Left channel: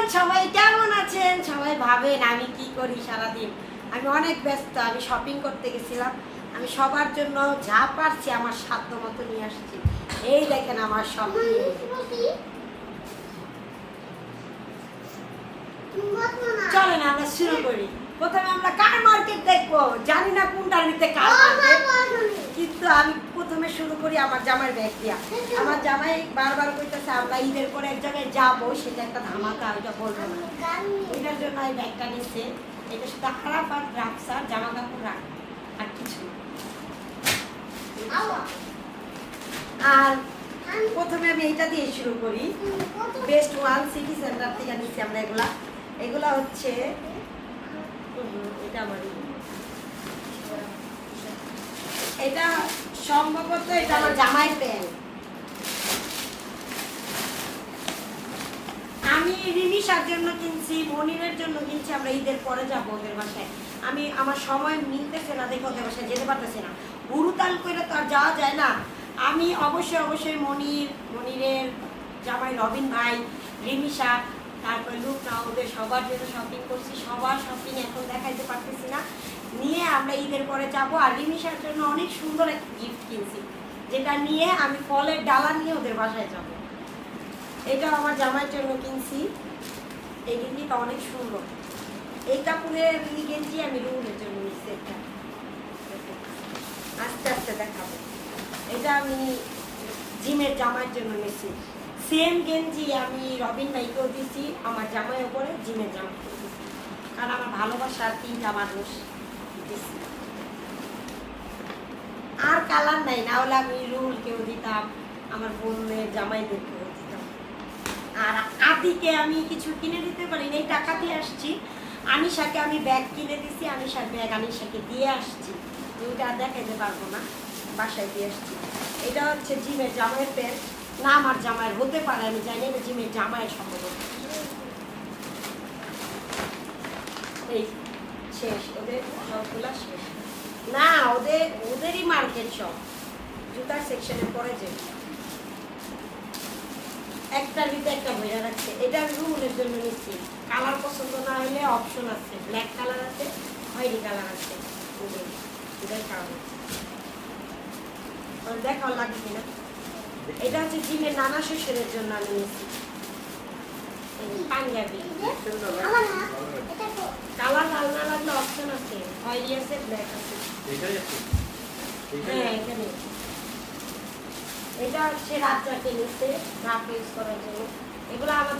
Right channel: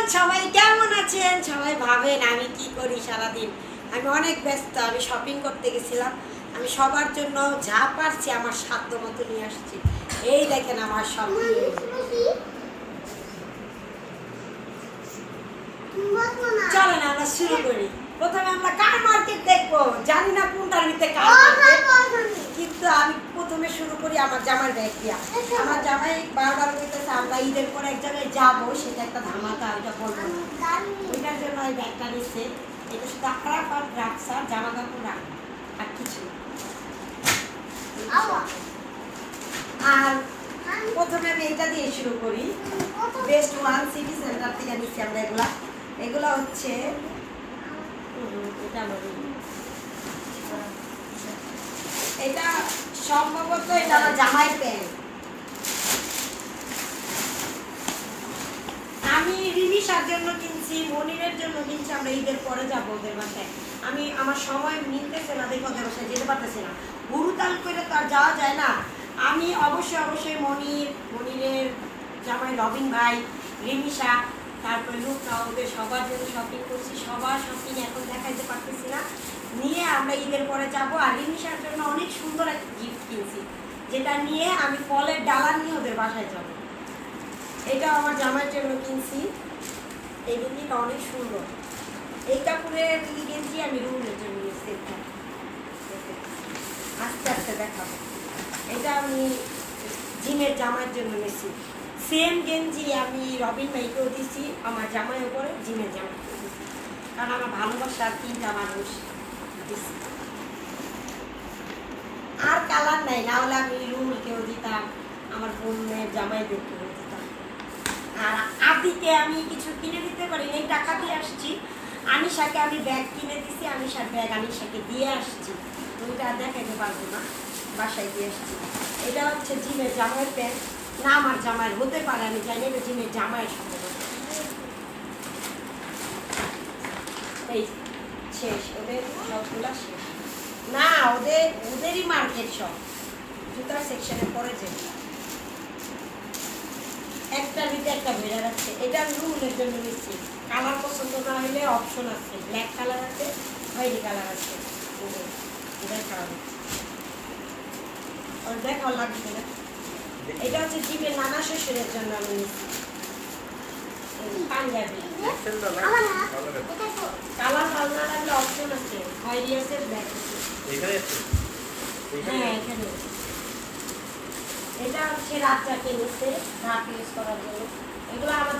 Everyone, সবাই কেমন আছেন? সবাই ভাবেন আমি কি করি সারাদিন। আমি অনেক ব্যস্ত। আমি শপিং করতে গেছিলাম। আমি সবার জন্য যা পারছি আমার সাধ্য মতো নিয়ে আসছি। এই দেখেন আমার শপিং। চলেন আমরা শুরু করি। প্রথমে আমরা কার মার্কেট দেখবো। জানি না কোনটা নিতে কার মার্কেট, কিন্তু আমি প্রথমে শুরু করি আমার জামাই ব্যাগ দিয়া। আমার জামাই বারবার কইতেছে আমরা ঈদের পরে এক জায়গায় যাবো, সেটা একটা ধামাকা, ওইটা বলবো না। ওইটার জন্য এই ব্যাগটা নিচ্ছে। এটা শুধু খারাপ আর রাখসার জামা কাপড় রাখ, আর কিছু না। আর প্রথমে আমি এইটা দিয়ে শুরু করি। বেস্ট ওয়ান সিটি সেন্টার থেকে নিচ্ছি আমরা এগুলা। এগুলা হচ্ছে এটা আমার, এটা সম্ভবত এটা আমার জামাইয়ের প্যান্ট। আমি রিনিশার জন্য কিনছি, মনিরের জন্য কিনছি। আমরা ঈদের পরে যাবো ওদের বাসায়। আমি আমার সময় মিলতেছে না, দেখে ওদের বাসায় যেতে পারতেছি না। হুড়ুতাল করে তো আর যাওয়া যায় না। আমি অবশ্যই মনিরের জামাই রবিন ভাই, রিনিশা, তারপরে লুকটা, ওদের সবার জন্য শপিং করছি। সবার শপিং এখন দেখাইতে পারতেছি না। নিয়ে আমরা ঈদের পরে যাব। আর রিনিশার জন্য অনেক সুন্দর একটা গিফট কিনছি, যেটা নিয়ে আমি ফলের ডালা নিয়ে ওদের বাসায় যাব। এটা আমার জামাইয়ের জন্য কিনছি। এই গেঞ্জিটা অনেক সুন্দর। এই কাপড়ের গেঞ্জি আমি রুমের জন্য নিচ্ছি। এটা আস্তে আস্তে দেখাবো। এটা আমি জিমের জামাইয়ের জন্য নিচ্ছি। সেম গেঞ্জি আমি রবিন ভাইকেও দিচ্ছি, আমার জামাই ওপরে জিমের জামাইকেও দিচ্ছি, কারণ আমার ভালোবাসার তিনটা মানুষ দিচ্ছি। আর কালার নাই, না হলে আমি রুলকেও দিতাম, আমার বোনের জামাইদেরকেও দিতাম। আর আদিকে আমি কিছু কিনে দিতে পারি, এই টাকা দিয়ে আসছি। আনিশাকে আমি ব্যাগ কিনে দিছি, আনিশার ব্যাগ আনিশাকে দিয়ে আসছি। ওইটা দেখাইতে পারবো না, বাসায় দিয়ে আসছি। এটা হচ্ছে জিমের জামাইয়ের প্যান্ট। না আমার জামাইয়ের হতে পারে, আমি জানি না, জিমের জামাইয়ের সম্ভবত। এই শেষ, ওদের সবগুলা শেষ। না, ওদেরই মার্কেট সব জুতার সেকশনের পরে যে একটার ভিতরে একটা ভেজা রাখছে। এটা রুলের জন্য নিচ্ছি। কালার পছন্দ না হলে অপশন আছে, ব্ল্যাক কালার আছে, খয়েরি কালার আছে। দেখাও লাগবে না। এটা হচ্ছে জিমের নানা শ্বশুরের জন্য আমি নিচ্ছি পাঞ্জাবি। কালার ভালো না লাগলে অপশন আছে, খয়েরি আছে, ব্ল্যাক আছে। হ্যাঁ এখানে। এটা হচ্ছে রাত্রাকে নিচ্ছে, রাত ইউজ করার জন্য। এগুলো আমার